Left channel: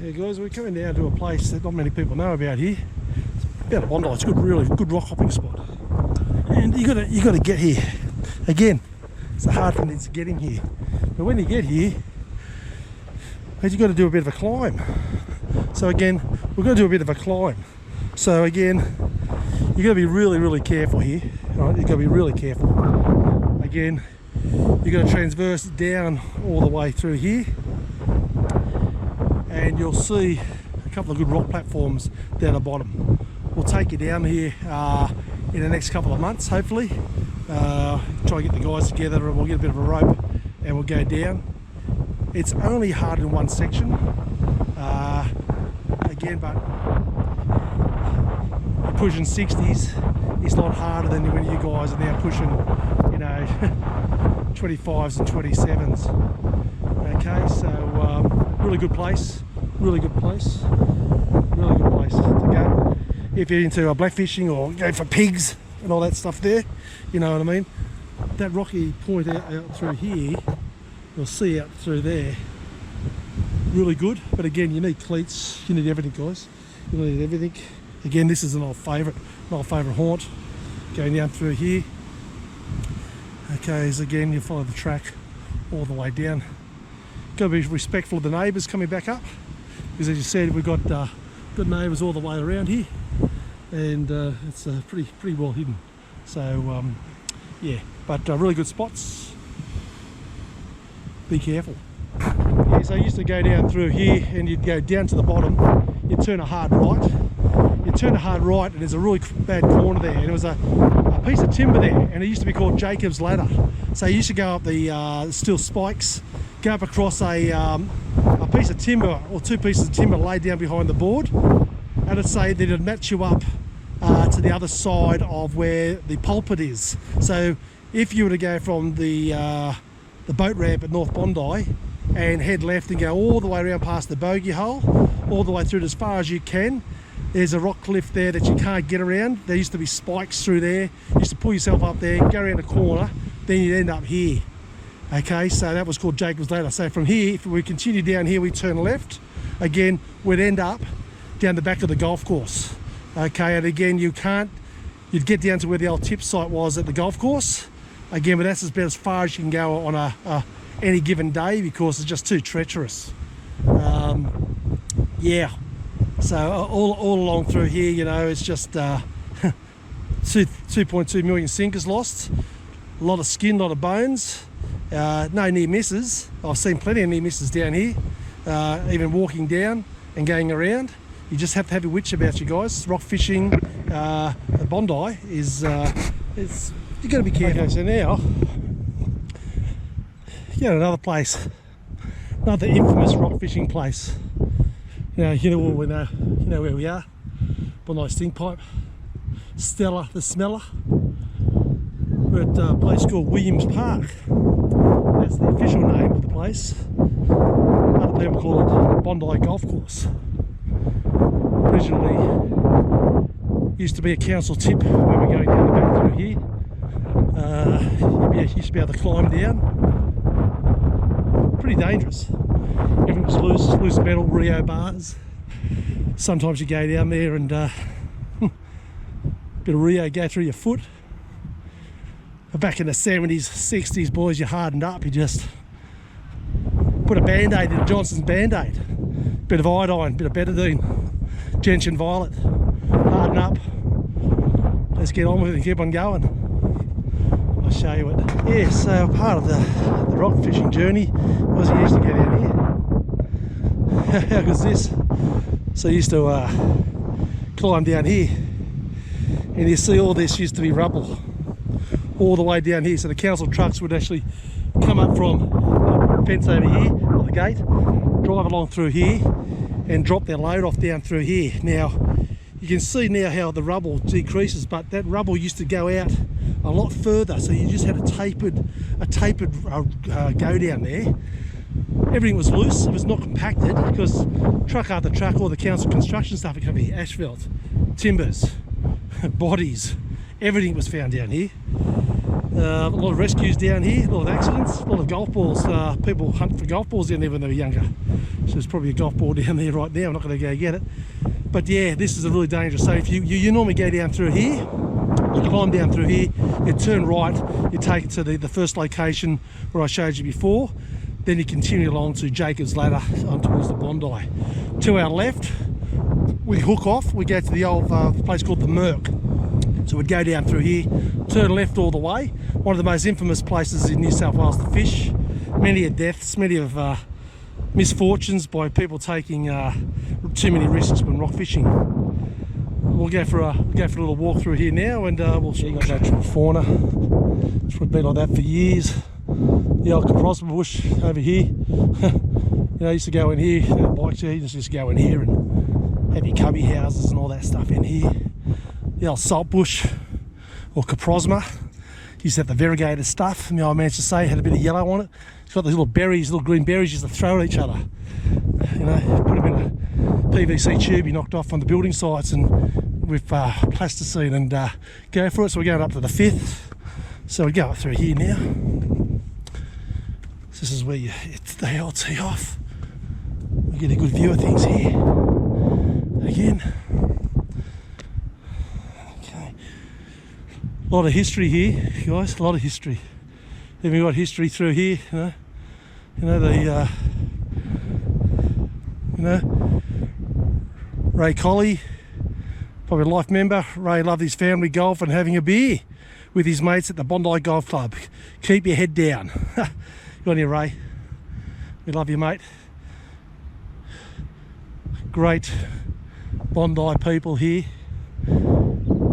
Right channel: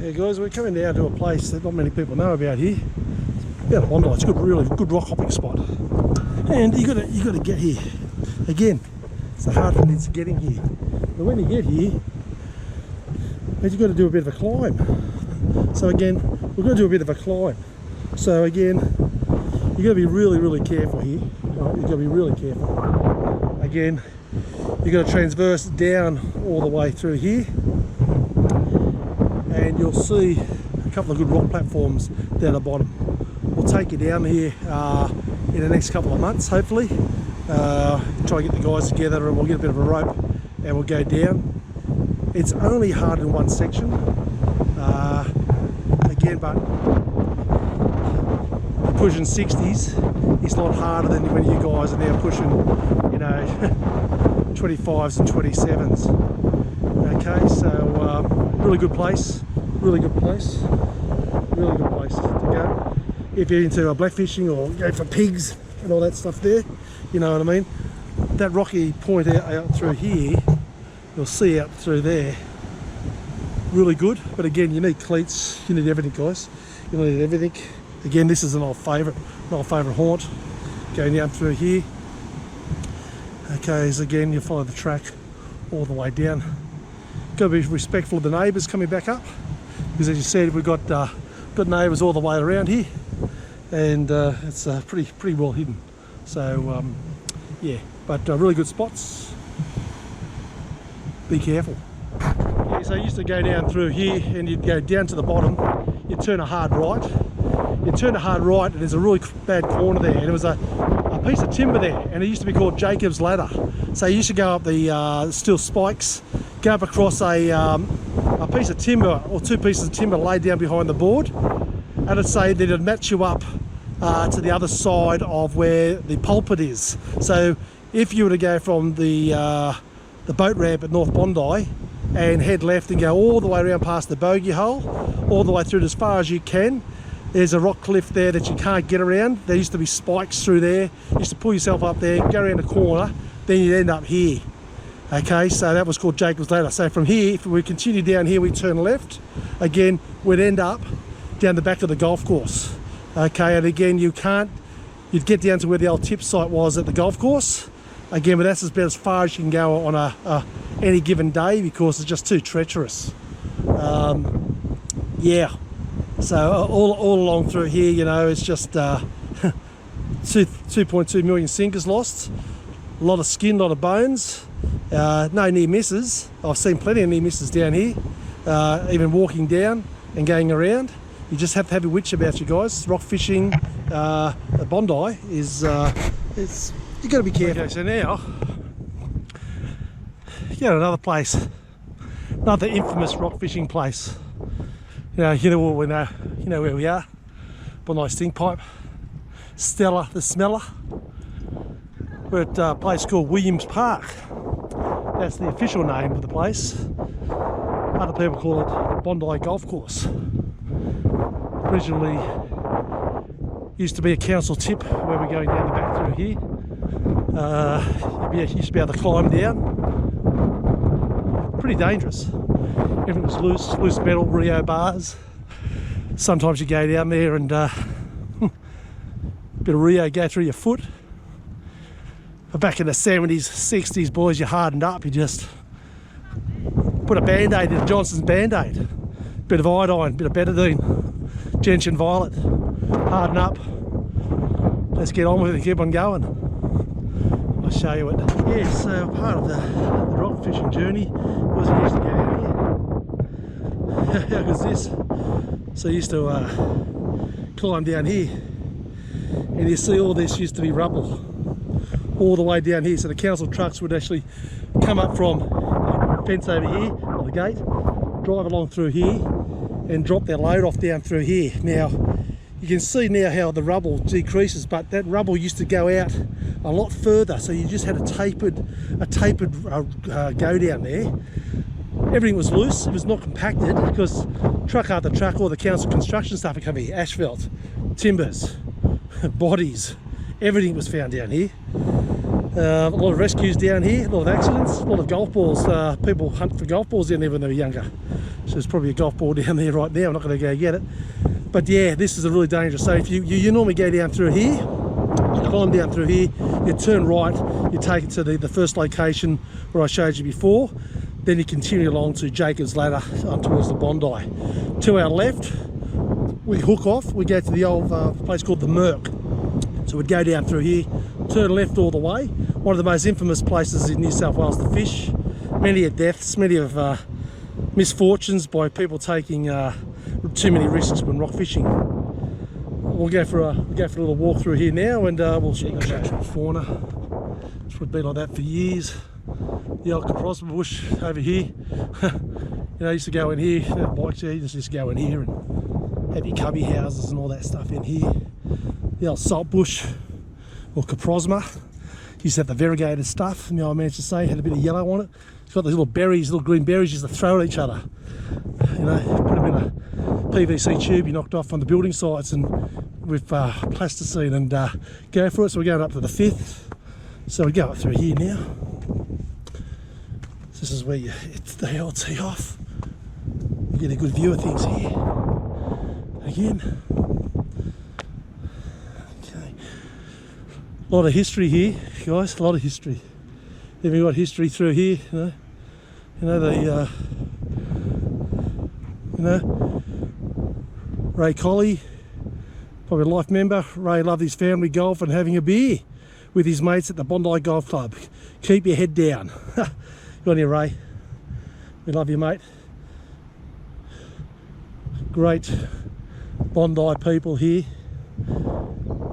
Yeah guys, we're coming down to a place that not many people know about here. It's about a Bondi. It's a good, really good rock hopping spot. And you gotta get here. Again, it's the hard thing is getting here. But when you get here, you've got to do a bit of a climb. So again, we're going to do a bit of a climb. So again, you've got to be really, really careful here. All right, you've got to be really careful. Again, you've got to transverse down all the way through here. And you'll see a couple of good rock platforms down the bottom. We'll take you down here in the next couple of months, hopefully. Try and get the guys together and we'll get a bit of a rope and we'll go down. It's only hard in one section. Again, but you're pushing 60s. It's a lot harder than when you guys are now pushing, you know, 25s and 27s. Okay, so really good place. Really good place. Really good place to go. If you're into blackfishing or go for pigs and all that stuff there, you know what I mean. That rocky point out through here, you'll see out through there, really good. But again, you need cleats, you need everything guys, you need everything. Again, this is an old favourite haunt, going down through here. Okay, so again, you follow the track all the way down. Got to be respectful of the neighbours coming back up, because as you said, we've got neighbours all the way around here, and it's pretty well hidden. So yeah, but really good spots. Be careful. Yeah, so I used to go down through here and you'd go down to the bottom, you'd turn a hard right. You turn a hard right and there's a really bad corner there, and there was a piece of timber there, and it used to be called Jacob's Ladder. So you used to go up the steel spikes, go up across a piece of timber or two pieces of timber laid down behind the board, and it'd say that it'd match you up to the other side of where the pulpit is. So if you were to go from the boat ramp at North Bondi and head left and go all the way around past the bogey hole, all the way through as far as you can, there's a rock cliff there that you can't get around. There used to be spikes through there. You used to pull yourself up there, go around the corner, then you'd end up here. Okay, so that was called Jacob's Ladder. So from here, if we continue down here, we turn left. Again, we'd end up down the back of the golf course. Okay, and again, you'd get down to where the old tip site was at the golf course. Again, but that's about as far as you can go on any given day, because it's just too treacherous. Yeah, so all along through here, you know, it's just 2.2 million sinkers lost, a lot of skin, a lot of bones, no near misses. I've seen plenty of near misses down here, even walking down and going around. You just have to have a witch about you guys. Rock fishing at Bondi is, you've got to be careful. Okay, so now, you know, another place, another infamous rock fishing place. You know where we are. Bondi Stink Pipe, Stella the Smeller. We're at a place called Williams Park. That's the official name for the place. Other people call it Bondi Golf Course. Originally used to be a council tip where we're going down the back through here. You used to be able to climb down. Pretty dangerous. Everything was loose metal, Rio bars. Sometimes you go down there and a bit of Rio go through your foot. But back in the 70s, 60s, boys, you hardened up. You just put a Band-Aid in, Johnson's Band-Aid. Bit of iodine, bit of betadine, gentian violet. Harden up. Let's get on with it and keep on going. I'll show you it. Yeah, so part of the rock fishing journey was you used to go down here. How good's this? So I used to climb down here, and you see all this used to be rubble all the way down here. So the council trucks would actually come up from the fence over here, or the gate, drive along through here and drop their load off down through here. Now you can see now how the rubble decreases, but that rubble used to go out a lot further, so you just had a tapered go down there. everything was loose. It was not compacted because truck after truck, all the council construction stuff would come here. Asphalt, timbers, bodies, everything was found down here. A lot of rescues down here, a lot of accidents, a lot of golf balls. People hunt for golf balls down there when they were younger. So there's probably a golf ball down there right now. I'm not going to go get it. But yeah, this is a really dangerous. So if you normally go down through here, you climb down through here, you turn right, you take it to the first location where I showed you before. Then you continue along to Jacob's Ladder on towards the Bondi. To our left, we hook off, we go to the old place called the Merc. So we'd go down through here, turn left all the way. One of the most infamous places in New South Wales to fish. Many of deaths, many of misfortunes by people taking too many risks when rock fishing. We'll go for a little walk through here now, and we'll show you natural fauna. It's been like that for years. The old Caprosma bush over here. You know, I used to go in here, bikes here, you just used to go in here and have your cubby houses and all that stuff in here. The old salt bush, or Caprosma. Used to have the variegated stuff, my old man used to say, had a bit of yellow on it. It's got these little berries, little green berries, used to throw at each other. You know, put them in a PVC tube you knocked off on the building sites and with plasticine and go for it. So we're going up to the 5th. So we go up through here now. This is where they all tee off. We get a good view of things here. Again. Okay. A lot of history here, guys. A lot of history. Even got history through here. You know Ray Colley, probably a life member. Ray loved his family golf and having a beer with his mates at the Bondi Golf Club. Keep your head down. Good on you, Ray. We love you, mate. Great Bondi people here.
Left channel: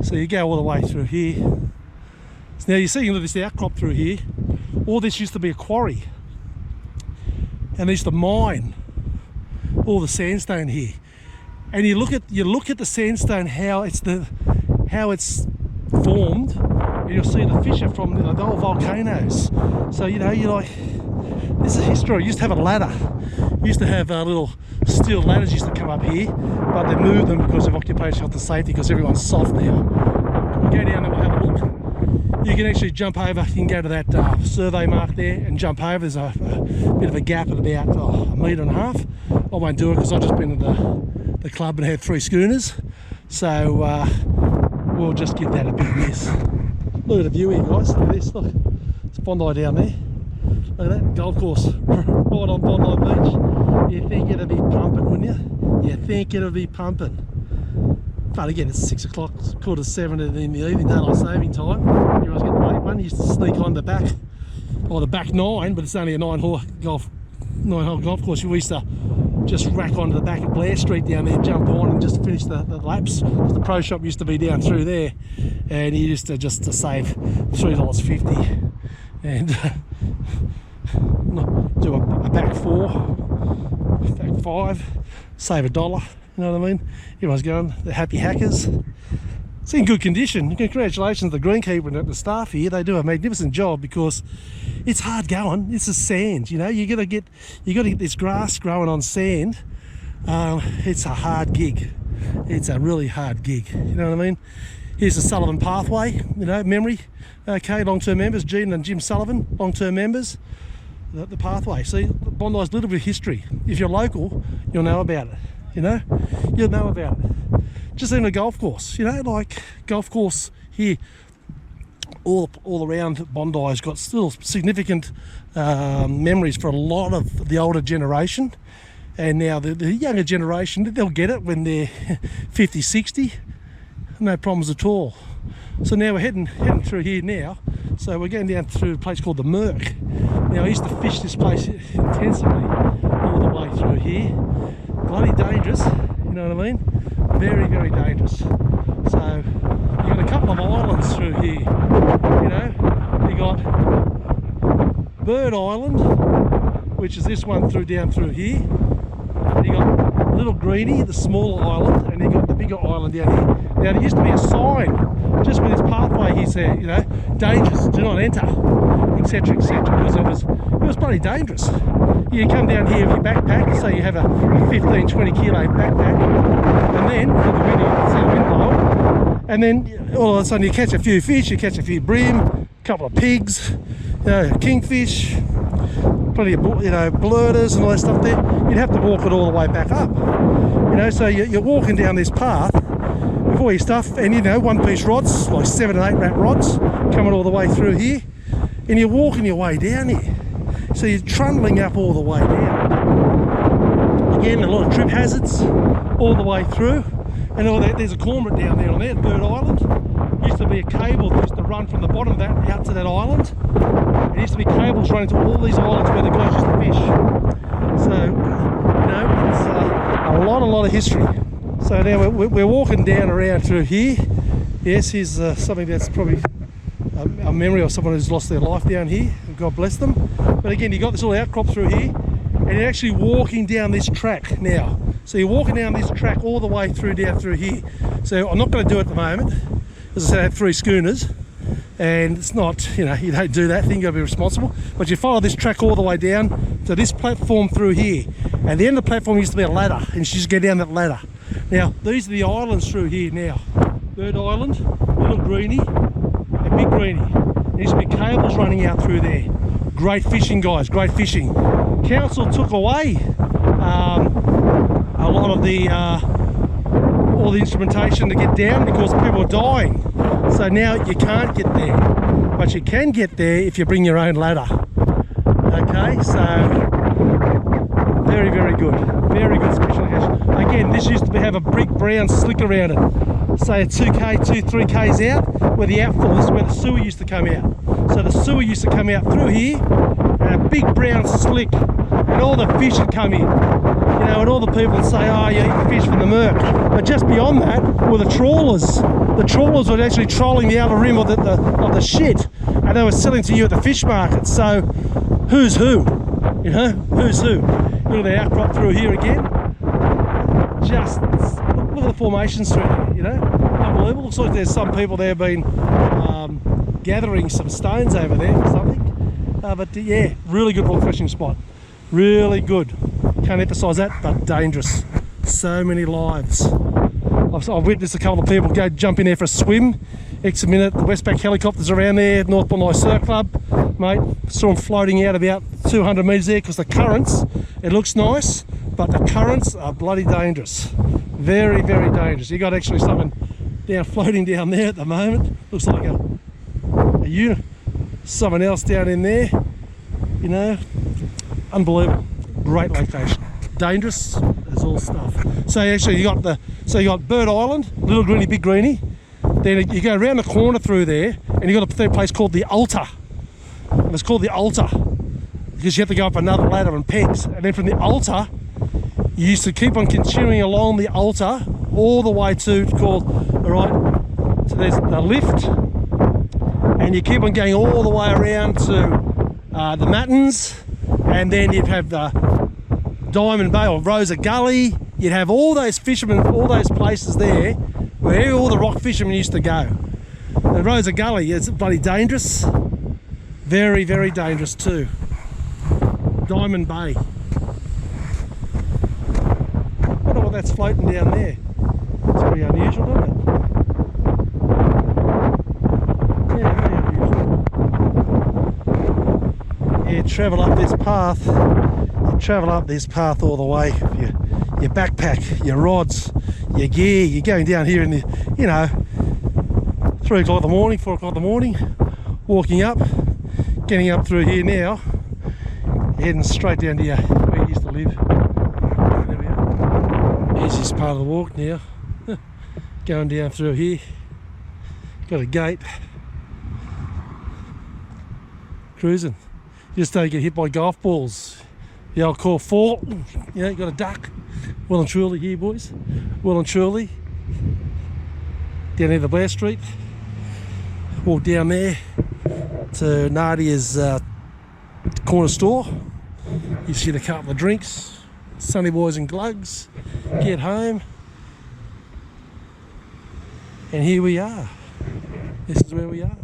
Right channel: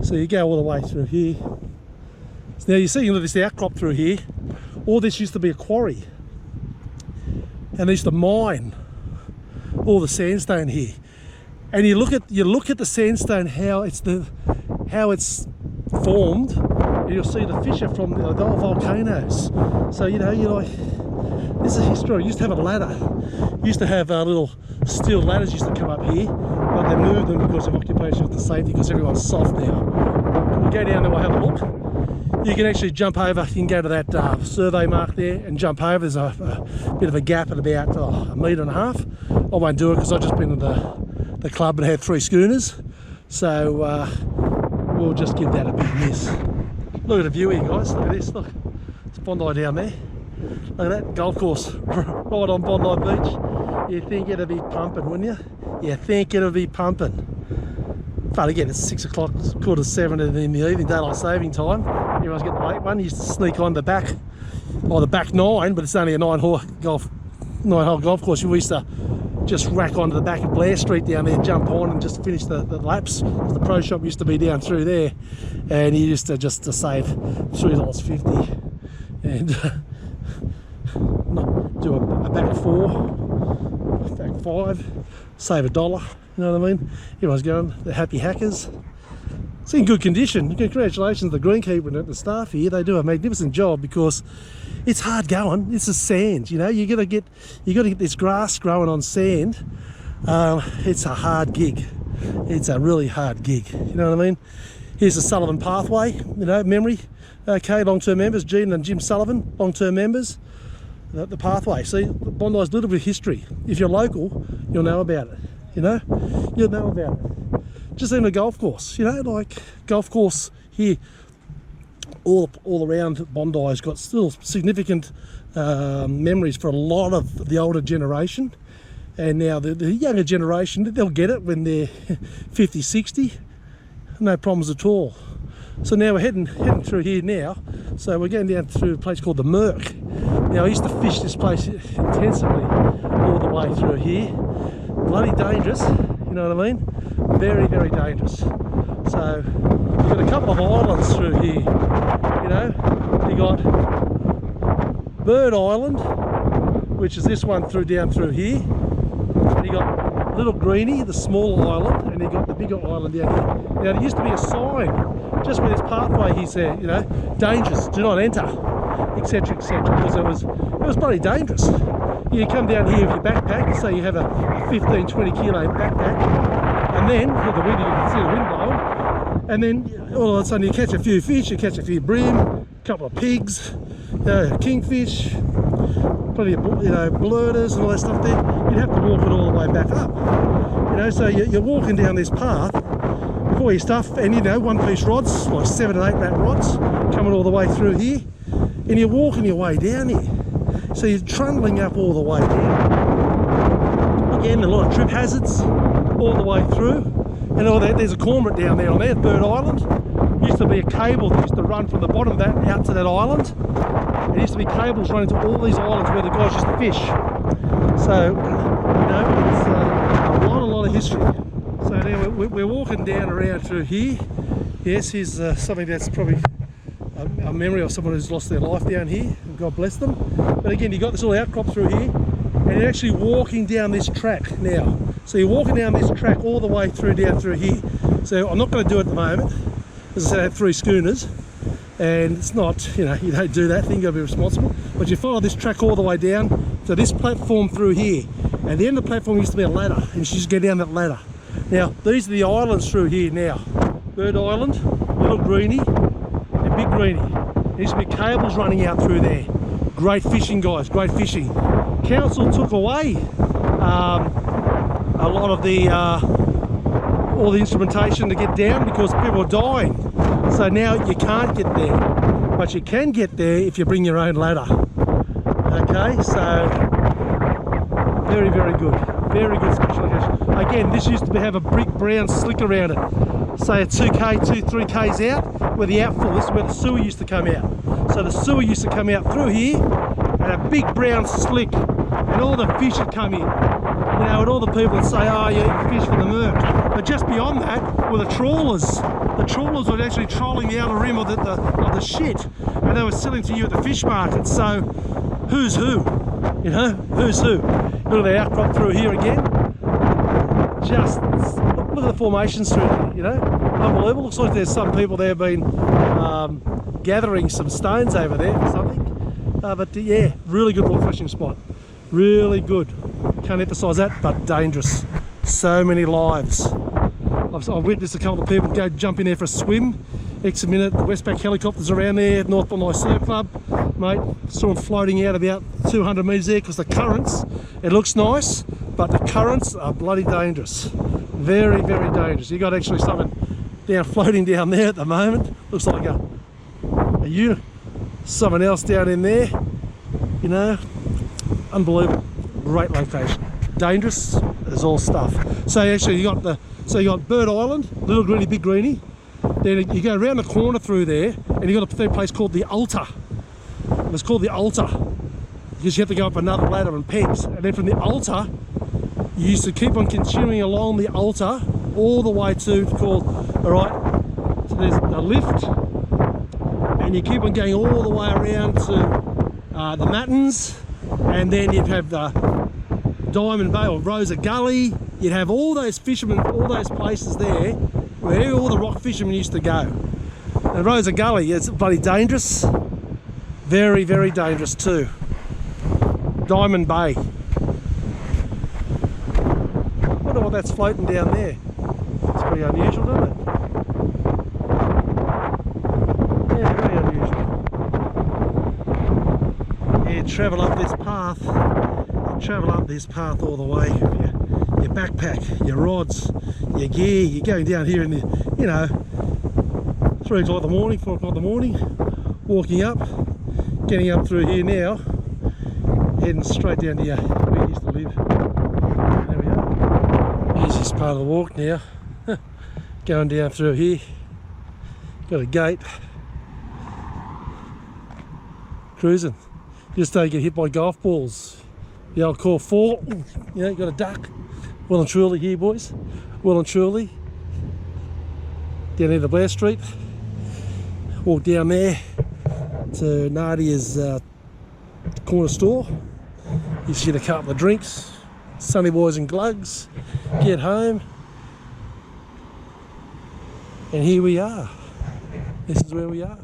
So you go all the way through here. So now you see this outcrop through here. All this used to be a quarry. And they used to mine all the sandstone here. And you look at the sandstone, how it's formed, and you'll see the fissure from the old volcanoes. So you know, you're like, this is history. You used to have a ladder. You used to have little steel ladders used to come up here, but they moved them because of occupational health and safety, because everyone's soft now. We'll go down there, we'll have a look. You can actually jump over, you can go to that survey mark there and jump over. There's a bit of a gap at about 1.5 meters. I won't do it because I've just been to the club and had 3 schooners. So we'll just give that a big miss. Look at the view here, guys. Look at this, look. It's Bondi down there. Look at that golf course right on Bondi Beach. You think it'd be pumping, wouldn't you? You think it'd be pumping. But again, it's 6 o'clock, 7:15 in the evening, daylight saving time. Everyone's getting the late one. You used to sneak on the back, or the back 9, but it's only a 9-hole golf course. We used to just rack onto the back of Blair Street down there, jump on and just finish the laps, because the pro shop used to be down through there, and you used to just to save $3.50 and do a back 4, back 5, save $1. You know what I mean? Everyone's going, the happy hackers. It's in good condition. Congratulations to the greenkeeper and the staff here. They do a magnificent job, because it's hard going. It's a sand, you know. You gotta get this grass growing on sand. It's a hard gig. It's a really hard gig. You know what I mean? Here's the Sullivan Pathway. You know, memory. Okay, long-term members, Gene and Jim Sullivan, long-term members. The pathway. See, Bondi's a little bit of history. If you're local, you'll know about it. You know, you'll know about it. Just in a golf course, you know, like golf course here, all around Bondi has got still significant memories for a lot of the older generation. And now the younger generation, they'll get it when they're 50, 60, no problems at all. So now we're heading through here now. So we're going down through a place called the Merc. Now I used to fish this place intensively all the way through here. Bloody dangerous, you know what I mean? Very, very dangerous. So you've got a couple of islands through here, you know. You got Bird Island, which is this one down through here. And you got Little Greenie, the smaller island, and you got the bigger island down here. Now there used to be a sign just with this pathway here said, you know, dangers, do not enter, etc., etc., because it was bloody dangerous. You you come down here with your backpack, so you have a 15-20 kilo backpack, and then with the wind, you can see the wind blowing, and then all of a sudden you catch a few fish, you catch a few bream, a couple of pigs, kingfish, plenty of bloaters and all that stuff there. You'd have to walk it all the way back up, so you're walking down this path with all your stuff, and one-piece rods, like 7 and 8 wrap rods, coming all the way through here, and you're walking your way down here. So you're trundling up all the way down. Again, a lot of trip hazards all the way through, and all that. There's a cormorant down there on there, Bird Island. Used to be a cable that used to run from the bottom of that out to that island. There used to be cables running to all these islands where the guys used to fish. So, it's a lot of history. So now we're walking down around through here. Yes, here's something that's probably a memory of someone who's lost their life down here. God bless them. But again, you got this little outcrop through here, and you're actually walking down this track now. So you're walking down this track all the way through down through here. So I'm not going to do it at the moment. As I said, I had 3 schooners, and it's not, you don't do that thing, you've got to be responsible. But you follow this track all the way down to this platform through here. At the end of the platform used to be a ladder, and you just go down that ladder. Now, these are the islands through here now. Bird Island, Little Greenie, and Big Greenie. There used to be cables running out through there. Great fishing, guys, great fishing. Council took away a lot of the all the instrumentation to get down because people are dying. So now you can't get there, but you can get there if you bring your own ladder. Okay, so very, very good special location. Again, this used to have a brick brown slick around it. Say a 3Ks out where the outfall, this is where the sewer used to come out. So the sewer used to come out through here, and a big brown slick, and all the fish would come in. And all the people would say, oh, you're eating fish from the murk. But just beyond that were the trawlers. The trawlers were actually trolling the outer rim of the shit, and they were selling to you at the fish market. So who's who? Who's who? Look at the outcrop through here again. Just look at the formations through there, unbelievable. Looks like there's some people there been gathering some stones over there or something. But yeah, really good rock fishing spot. Really good. Can't emphasize that, but dangerous. So many lives. I've witnessed a couple of people go jump in there for a swim. Next minute, the Westpac helicopters around there, North Bondi Surf Club. Mate, saw them floating out about 200 metres there because the currents, it looks nice, but the currents are bloody dangerous. Very, very dangerous. You got actually something floating down there at the moment. Looks like a unit. Someone else down in there. Unbelievable. Great location. Dangerous as all stuff. So actually you got Bird Island, Little Greenie, Big Greenie. Then you go around the corner through there, and you got a place called the Altar. And it's called the Altar because you have to go up another ladder and pegs. And then from the Altar, you used to keep on continuing along the Altar all the way to called, so there's the lift, and you keep on going all the way around to the Matins, and then you'd have the Diamond Bay or Rosa Gully. You'd have all those fishermen, all those places there where all the rock fishermen used to go. And Rosa Gully is bloody dangerous. Very, very dangerous too. Diamond Bay. Wonder what that's floating down there. It's pretty unusual, doesn't it? Yeah, very unusual. Yeah, travel up this path. You travel up this path all the way. Your backpack, your rods, your gear. You're going down here in the, 3 o'clock in the morning, 4 o'clock in the morning, walking up, getting up through here now, heading straight down to where you used to live. And there we are. Easiest part of the walk now. Going down through here. Got a gate. Cruising. Just don't get hit by golf balls. The old core fall. You got a duck. Well and truly here, boys. Well and truly. Down near the Blair Street. Walk down there to Nadia's corner store. You see a couple of drinks. Sunny boys and glugs. Get home. And here we are. This is where we are.